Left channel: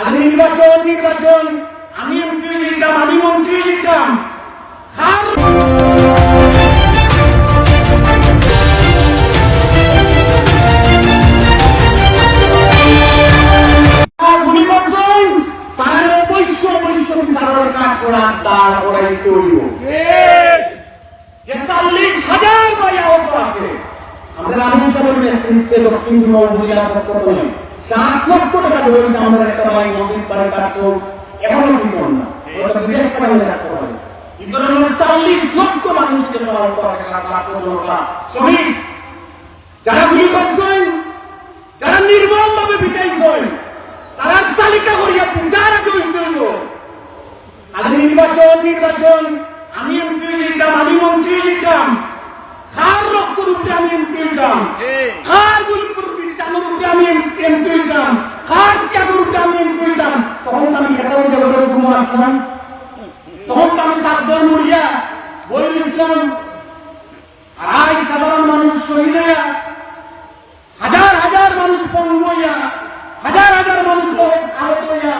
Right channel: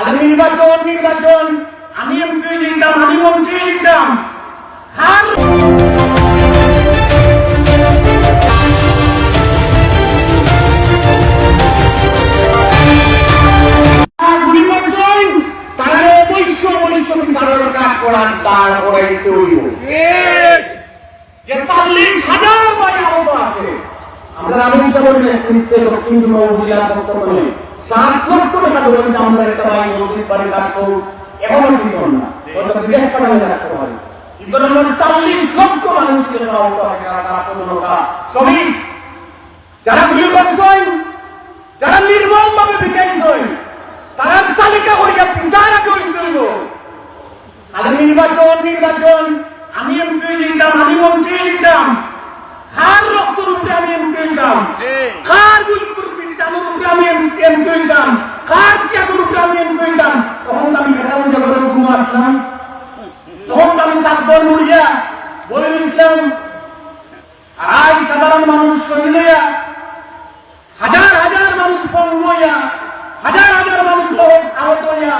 আগে নির্বাচন আমি এমপি লিখতাম, আমি মন্ত্রী লিখতাম। দক্ষিণ উপজেলা 7 লক্ষ টাকা ধরুন আমাদের একটা বাড়ি মন্দির বাড়ি কাজ করুন, এখনো কিন্তু না বিদেশ টাকা রাখতে হবে। কিন্তু আমরা 40 লক্ষ মানুষকে শ্রমিক যারা গুলি করছেন, যারা নির্মম ভাবে পিটাইছেন, তারা তালিকা করিয়া বিচার আগে হইল। আগে নির্বাচন আমি এমপি লিখতাম, আমি মন্ত্রী লিখতাম। খার রক্তর উপরে আমি এমপি লিখতাম, খার গুলির উপরে আমি এমপি লিখতাম, খার চাকর উপরে আমি এমপি লিখতাম। তখন আমি খেতাম আসলাম, তখন আমি সাতদল মরিয়া বলে দিয়েছিলাম। আজ সাধারণ মানুষ শহীদ হইয়া, হাজার হাজার মানুষ পঙ্গু হইয়া, হাজার হাজার মানুষ আহত হইয়া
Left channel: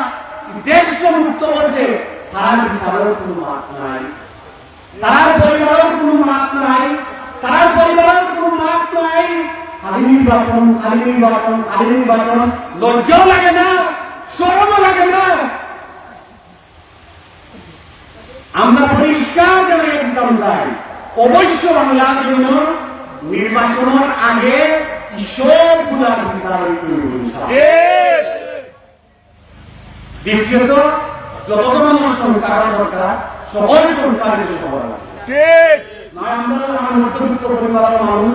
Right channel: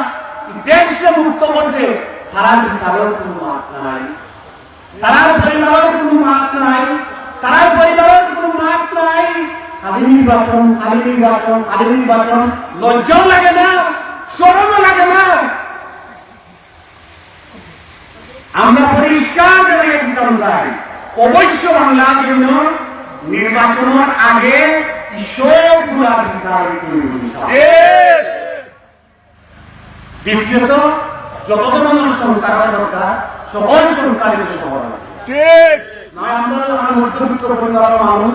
দেশকে মুক্ত করছে। তারা বিচারের কোন মাত নাই, তারা পরিবারের কোন মাত নাই, তারা পরিবারের কোন মাত নাই। খালি নির্বাচন লজ্জাও লাগে না, শরমও লাগে না। আমরা পরিষ্কার জায়গায় দিতাম যাই, অবশ্য বাংলার জন্য নির্বাচনের আগে সবগুলা বিচার। দ্বিতীয়ত যত মানুষ সংস্কার দরকার সকল সংস্কার নয়। আমরা মধ্যবিত্ত পরিবারের মানুষ